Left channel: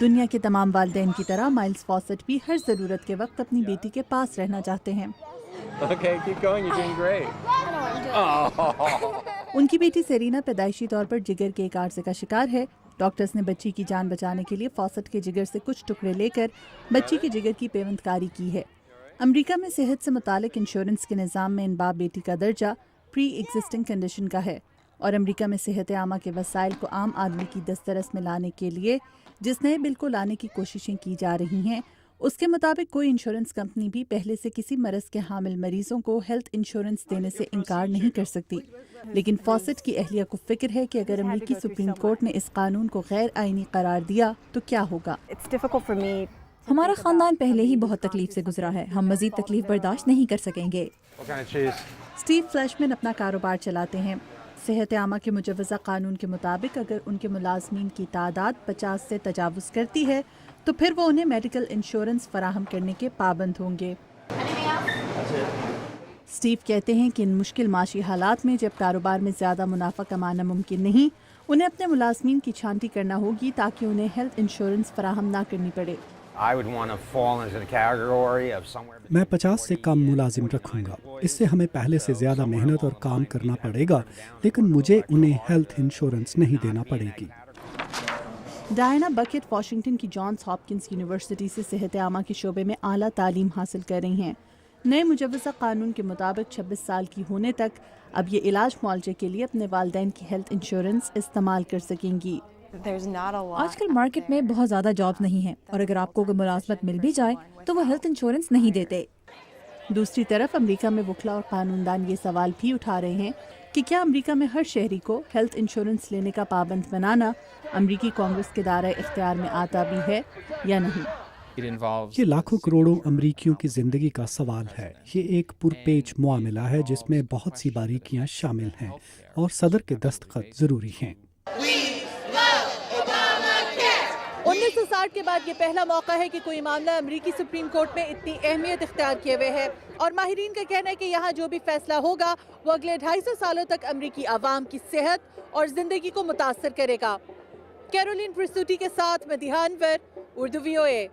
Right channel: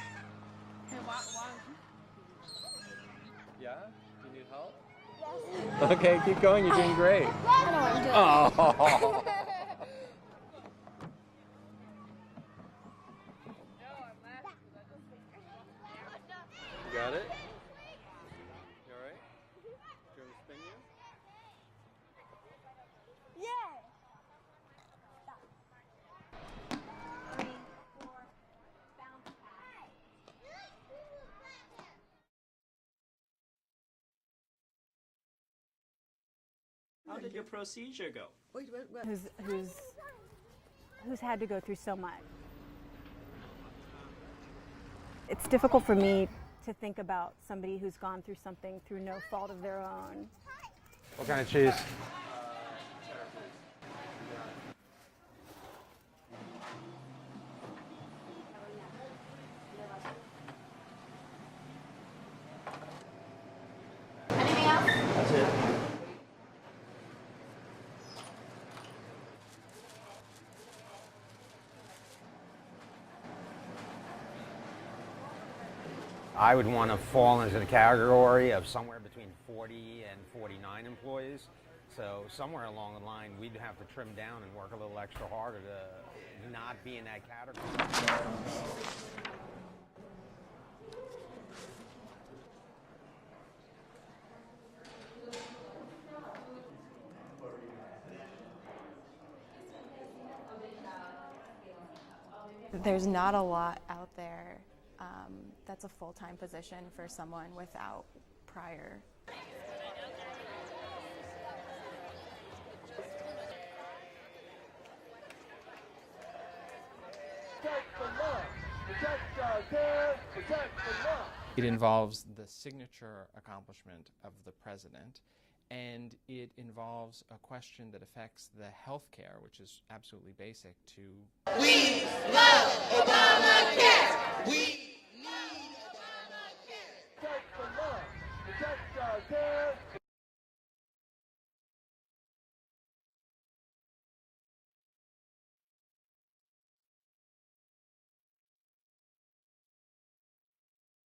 دنیا کے تمام والدین کی طرح مائلز فاسٹ بھی ہر ضرورت کے وقت اپنی بیٹی کے پاس رہنا چاہتے ہیں۔ Okay, keep going, you're doing great. ان کی بیٹی سیرینا پیدائشی طور پر جگر کے ایک عارضے کا شکار ہے۔ ڈاکٹرز نے بچی کی جان بچانے کے لیے فاسٹ کے جگر سے کچھ ٹکڑے لے کر بچی کے جگر کی پیوند کاری کی ہے۔ امریکہ میں صحت سے متعلق انشورنس کے نظام میں ان باپ بیٹی کا درجہ پری ایگزسٹنگ کنڈیشن کا ہے، اور امریکہ میں صحت عامہ کے وسائل کو عام آدمی کی دسترس میں لانے کے لیے جس نئے بل کو لانے کی کوششیں کی جا رہی ہیں، اس کے مطابق کوئی انشورنس کمپنی بھی پہلے سے کسی مرض کے حامل مریضوں کو ہیلتھ انشورنس دینے سے انکار نہیں کر سکتی، لیکن فاسٹ کی اہلیہ کو فکر ہے کہ اگر امریکی سپریم کورٹ نے اس قانون کو غیر آئینی قرار دیا تو کیا ہوگا۔ ہمارا خاندان پہلے ہی بہت تکلیف سے گزرا ہے، ہم مزید تکلیف برداشت نہیں کر سکیں گے۔ What kind of cheese? Steve Fleishman اپنا کاروبار چلاتے ہیں۔ صحت عامہ کے مجوزہ قانون کے مطابق اگر ان کے ملازمین کی تعداد 50 سے تجاوز کرتی ہے تو پھر وہ انہیں میڈیکل انشورنس فراہم کرنے کے پابند ہوں گے۔ اسٹیو کہتے ہیں کہ ان مشکل معاشی حالات میں جب کاروبار میں زیادہ منافع کمانا ممکن نہیں، انہیں اپنے ملازمین کی چھانٹی کرنا ہوگی تاکہ انہیں ہیلتھ انشورنس فراہم نہ کرنی پڑے۔ I would want to fall into the category of somewhere between میں 50 سے کم ملازم رکھوں گا، اس سے ہمیں پہلے سے زیادہ محنت اور کام کرنا پڑے گا، لیکن مجھے انہیں ہیلتھ انشورنس نہیں دینا پڑے گی۔ ڈائنا بکٹ واشنگٹن کی جانس ہاپکنس یونیورسٹی سے صحت عامہ کے شعبے میں اعلیٰ تعلیم حاصل کر رہی ہیں۔ نئے مجوزہ قانون کے مطابق 26 سال کی ہونے تک اب یہ علاج معالجے کے لیے اپنے والدین کی ہیلتھ انشورنس استعمال کر سکیں گی۔ آج کل مارکیٹ میں بہت زیادہ جاب نہیں ہیں، اور اگر آپ کو کوئی ملازمت مل بھی جائے تو وہ ہیلتھ انشورنس نہیں دیتے۔ دوسری طرف امریکہ میں وکلا اور قانون دان یہ سوال بھی اٹھا رہے ہیں کہ کیا امریکہ میں ہر شہری کو ہیلتھ انشورنس لینے کا پابند بنانا امریکی کانگریس کے دائرۂ اختیار میں آتا بھی ہے یا نہیں۔ یہ لاکھوں کروڑوں امریکیوں کی زندگی کا سوال ہے۔ یہ ایک پرپیچ معاملہ ہے جس میں بہت سی باریکیاں شامل ہیں اور صدر کے دستخط ضروری ہیں۔ 1960 کے بعد یہ پہلا موقع ہے کہ کوئی معاملہ امریکی سپریم کورٹ میں اتنی اہمیت اختیار کیے ہوئے ہے، اور ماہرین کا کہنا ہے کہ یہاں جو بھی فیصلہ ہوگا وہ اگلے 250 سالوں تک امریکی عوام کی صحت اور زندگی کو متاثر کرے گا۔ کیرولین پرسوٹی کے ساتھ مدیحہ انور، اردو VOA۔